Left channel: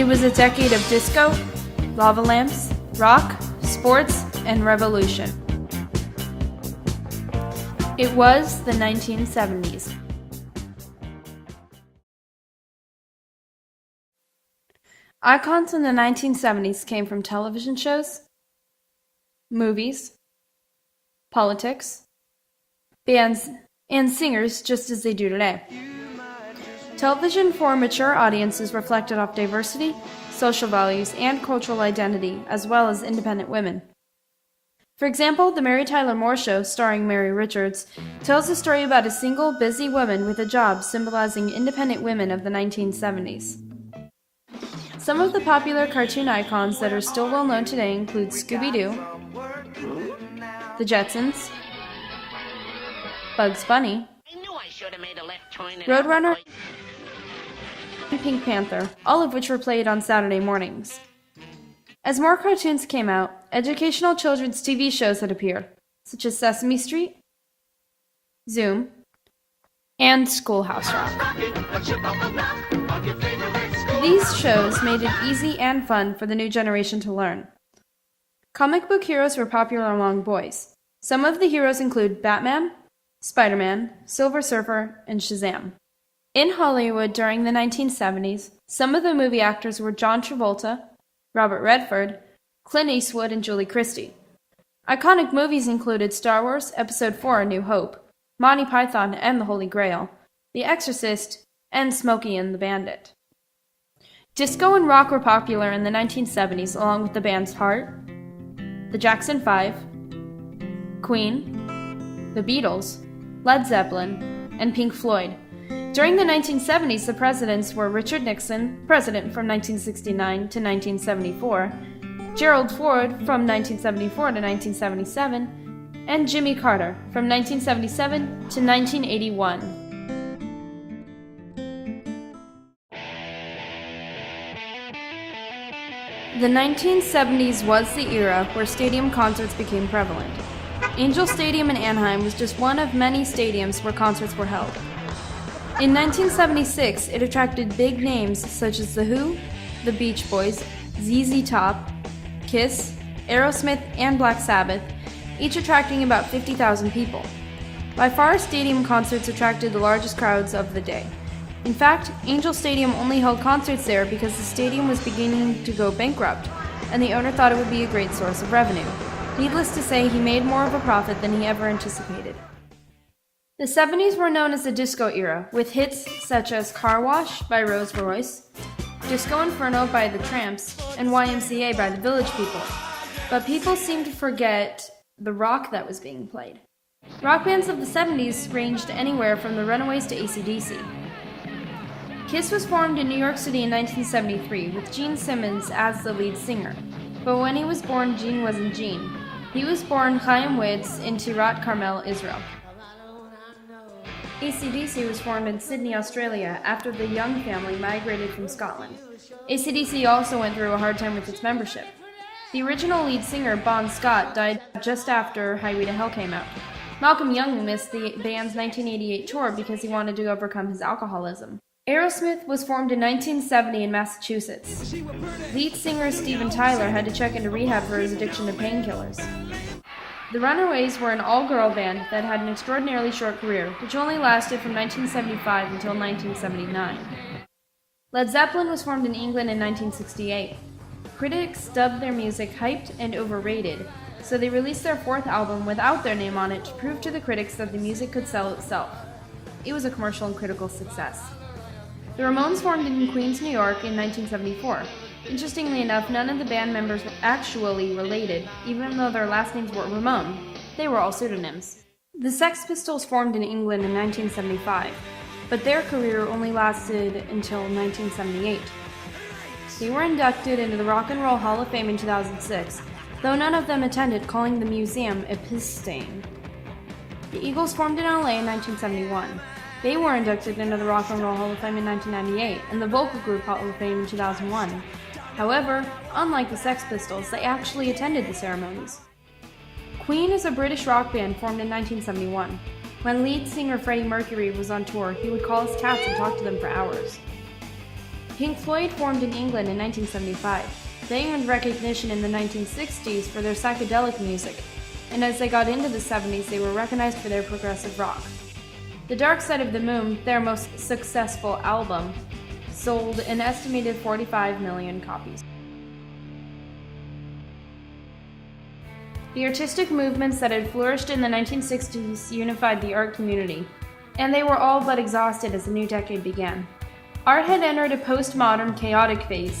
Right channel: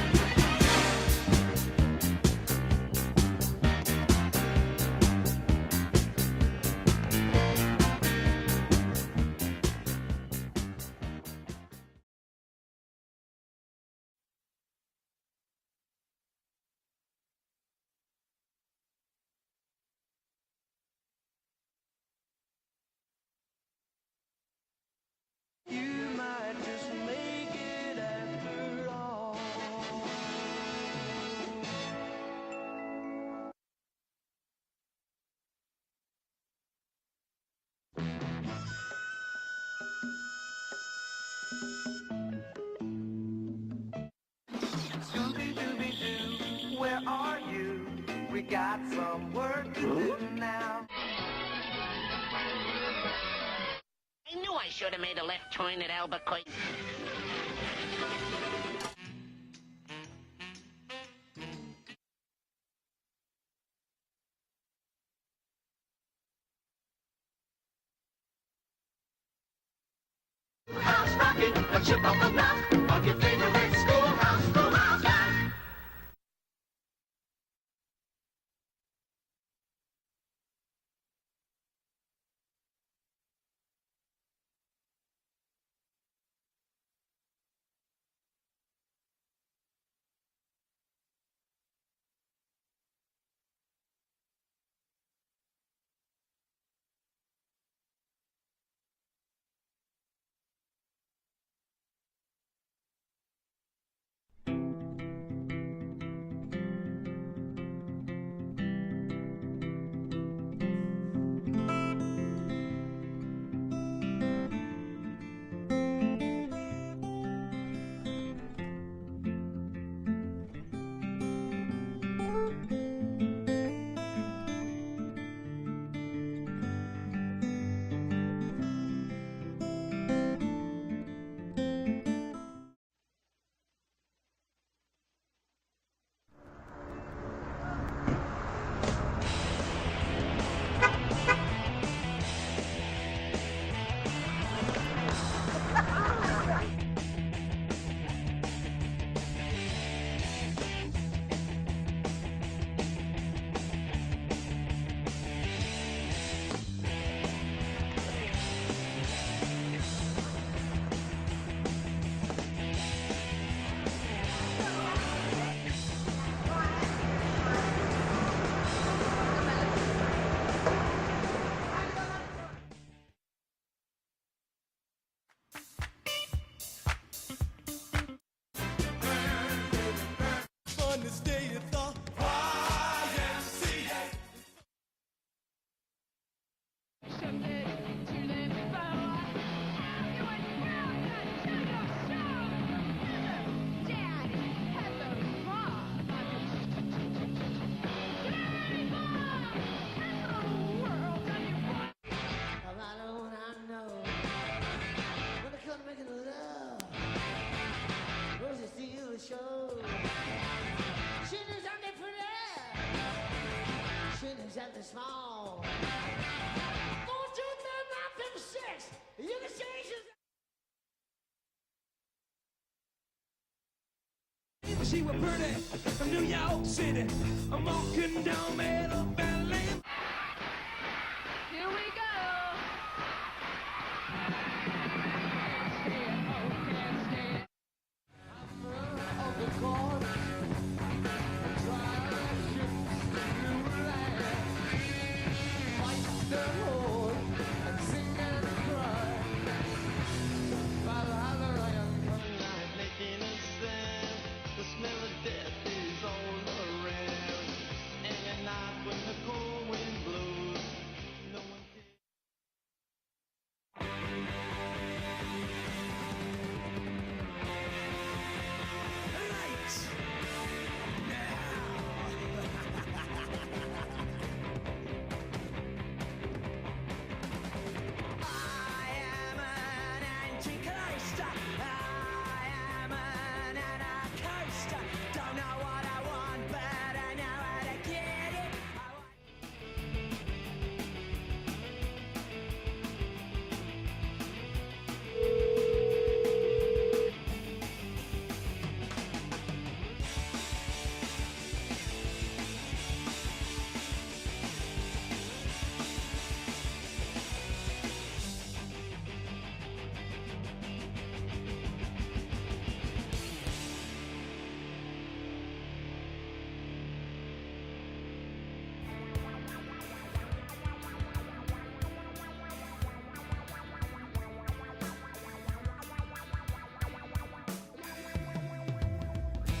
It was a decade of disco, lava lamps, rock, sports, and revolution. It was the 1970s. Icons in the 1970s came from television shows, movies, politics, bands, and singers just as they do today. Television for mature audiences reflected off diversity, social values, and cultural identity, as well as independent women. For example, The Mary Tyler Moore Show, starring Mary Richards, tells the story about a single, busy woman with a job symbolizing independent women of the 1970s. Some of the popular cartoon icons that are still well known today include Scooby-Doo, The Jetsons, Bugs Bunny, Roadrunner, and Pink Panther, all of which were played on Saturday mornings. As more cartoons came out, educational children's TV shows had appeared, such as Sesame Street, Zoom, and Schoolhouse Rock. These shows made it easy and fun for the new generation to learn. Comic book heroes were popular among boys. Some of the heroes include Batman, Spider-Man, Silver Surfer, and Shazam. In Hollywood during the 1970s, some of the movie actors were John Travolta, Robert Redford, Clint Eastwood, and Julie Christie. Iconic movies included Star Wars Episode IV: A New Hope, Monty Python and the Holy Grail, The Exorcist, and Smokey and the Bandit. Disco and rock were popular in the 1970s along with the bands Heart, the Jackson 5, Queen, the Beatles, Led Zeppelin, and Pink Floyd. During the 1970s, the presidents were Richard Nixon, president from 1969 to 1974, Gerald Ford from 1974 to 1977, and Jimmy Carter from 1977 to 1981. The 1970s was the era where stadium concerts became prevalent. Angel Stadium in Anaheim was just one of many stadiums where concerts were held. In 1976, it attracted big names such as The Who, The Beach Boys, ZZ Top, Kiss, Aerosmith, and Black Sabbath, each attracting about 50,000 people. By far, stadium concerts attracted the largest crowds of the day. In fact, Angel Stadium only held concerts there because the stadium was beginning to go bankrupt, and the owner thought it would be a great source of revenue. Needless to say, he made more of a profit than he ever anticipated. The 70s were known as the disco era, with hits such as Car Wash by Rose Royce, Disco Inferno by The Tramps, and YMCA by the Village People. But people seem to forget the rock that was being played. Rock bands of the 70s ranged anywhere from the Runaways to AC/DC. Kiss was formed in New York City in 1973 with Gene Simmons as the lead singer. But when he was born, Gene wasn't Gene. He was born Chaim Witz in Tirat Carmel, Israel. AC/DC was formed in Sydney, Australia, after the Young family migrated from Scotland. AC/DC also went through a hard time with its membership. The original lead singer, Bon Scott, died just after Highway to Hell came out. Malcolm Young missed the band's 1988 tour because he wanted to overcome his alcoholism. Aerosmith was formed in 1970 in Massachusetts. Lead singer Steven Tyler had to check into rehab for his addiction to painkillers. The Runaways were an all-girl band that had an extraordinarily short career, which only lasted from 1975 until 1979. Led Zeppelin was formed in England in 1968. Critics dubbed their music hyped and overrated, so they released their fourth album without their name on it to prove to the critics that the music could sell itself. It was a commercial and critical success. The Ramones formed in Queens, New York in 1974. Interestingly enough, none of the band members were actually related, even though their last names were Ramone. They were all pseudonyms. The Sex Pistols formed in England in 1975, but their career only lasted until 1978. They were inducted into the Rock and Roll Hall of Fame in 2006, though none of them attended, calling the museum a piss stain. The Eagles formed in LA in 1971. They were inducted into the Rock and Roll Hall of Fame in 1998 and the Vocal Group Hall of Fame in 2001. However, unlike the Sex Pistols, they actually attended the ceremonies. Queen is a British rock band formed in 1971. When lead singer Freddie Mercury was on tour, he would call his cats and talk to them for hours. Pink Floyd formed in England in 1975. They earned recognition in the 1960s for their psychedelic music, and as they got into the 70s, they were recognized for their progressive rock. The Dark Side of the Moon, their most successful album, sold an estimated 45 million copies. The artistic movements that had flourished in the 1960s unified the art community, and they were all but exhausted as the new decade began. Art had entered a postmodern, chaotic phase,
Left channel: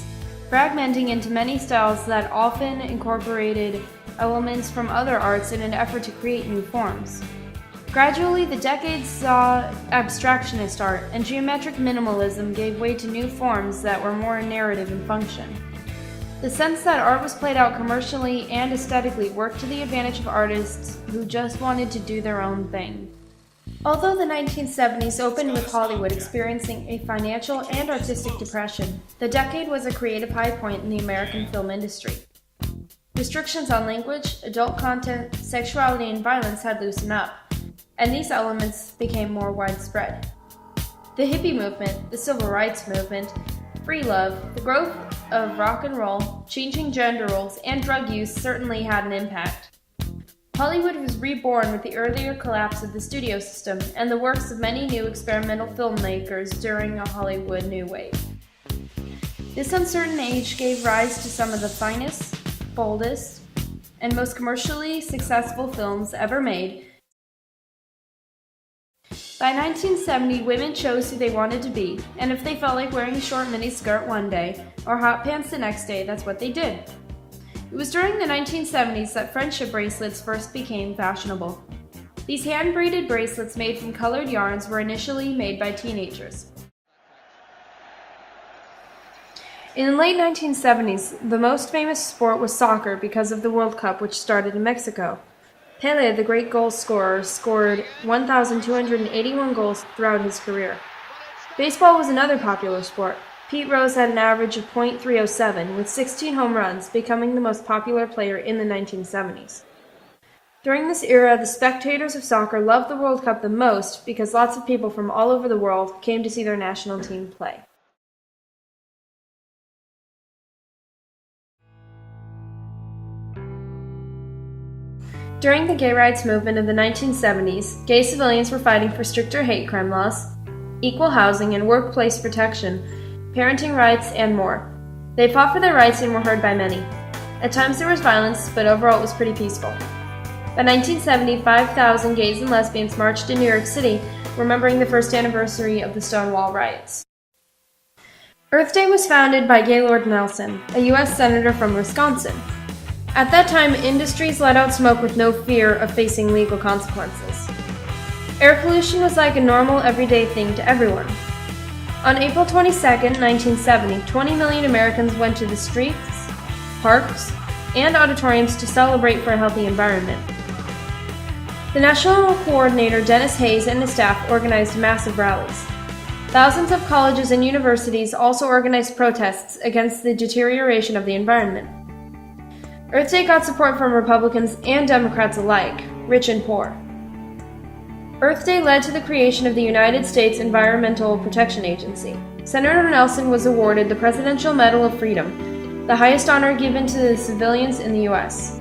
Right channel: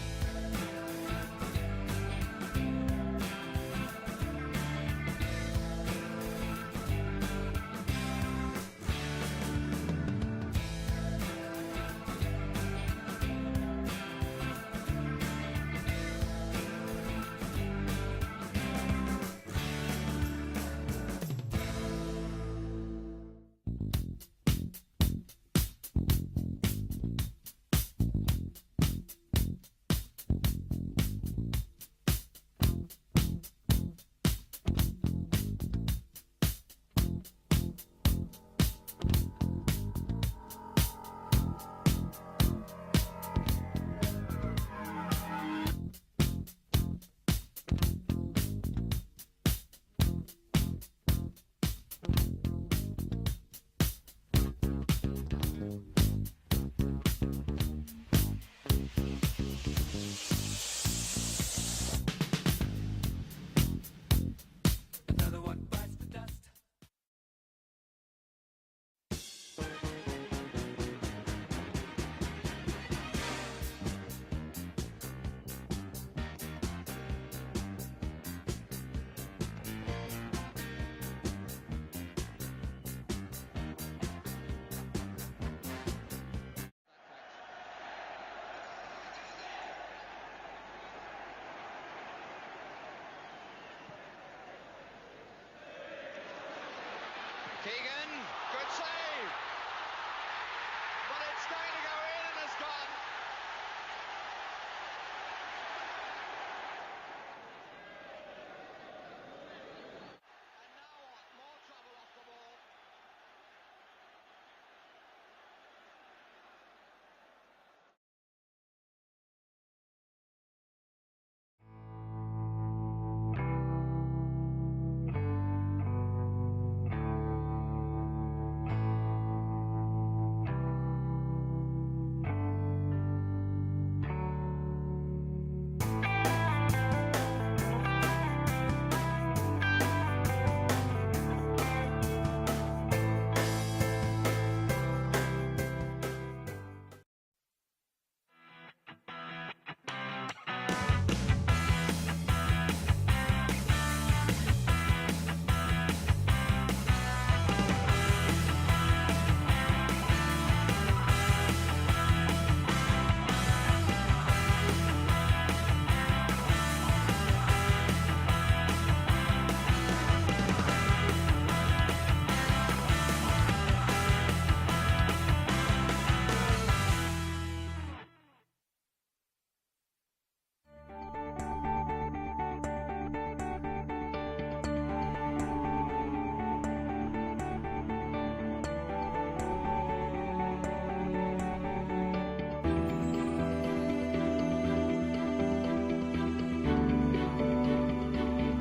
fragmenting into many styles that often incorporated elements from other arts in an effort to create new forms. Gradually, the decade saw abstractionist art, and geometric minimalism gave way to new forms that were more narrative in function. The sense that art was played out commercially and aesthetically worked to the advantage of artists who just wanted to do their own thing. Although the 1970s opened with Hollywood experiencing a financial and artistic depression, the decade was a creative high point in the American film industry. Restrictions on language, adult content, sexuality, and violence had loosened up, and these elements became more widespread. The hippie movement, the civil rights movement, free love, the growth of rock and roll, changing gender roles, and drug use certainly had an impact. Hollywood was reborn with the earlier collapse of the studio system and the works of many new experimental filmmakers during a Hollywood new wave. This uncertain age gave rise to some of the finest, boldest, and most commercially successful films ever made. By 1970, women chose who they wanted to be, and if they felt like wearing a short miniskirt one day or hot pants the next day, that's what they did. It was during the 1970s that friendship bracelets first became fashionable. These hand-braided bracelets made from colored yarns were initially made by teenagers. In the late 1970s, the most famous sport was soccer because of the World Cup, which started in Mexico. Pelé, the great goal scorer, scored 1,281 goals throughout his career. Baseball was another popular sport. Pete Rose had an average of .307, with 16 home runs, becoming the most popular player in the 1970s. During this era, the spectators of soccer loved the World Cup the most because lots of people from all over the world came to see their national team play. During the gay rights movement of the 1970s, gay civilians were fighting for stricter hate crime laws, equal housing and workplace protection, parenting rights, and more. They fought for their rights and were heard by many. At times there was violence, but overall it was pretty peaceful. By 1970, 5,000 gays and lesbians marched in New York City, remembering the first anniversary of the Stonewall riots. Earth Day was founded by Gaylord Nelson, a U.S. Senator from Wisconsin. At that time, industries let out smoke with no fear of facing legal consequences. Air pollution was like a normal, everyday thing to everyone. On April 22, 1970, 20 million Americans went to the streets, parks, and auditoriums to celebrate for a healthy environment. The National Coordinator, Dennis Hayes, and his staff organized massive rallies. Thousands of colleges and universities also organized protests against the deterioration of the environment. Earth Day got support from Republicans and Democrats alike, rich and poor. Earth Day led to the creation of the United States Environmental Protection Agency. Senator Nelson was awarded the Presidential Medal of Freedom, the highest honor given to the civilians in the U.S.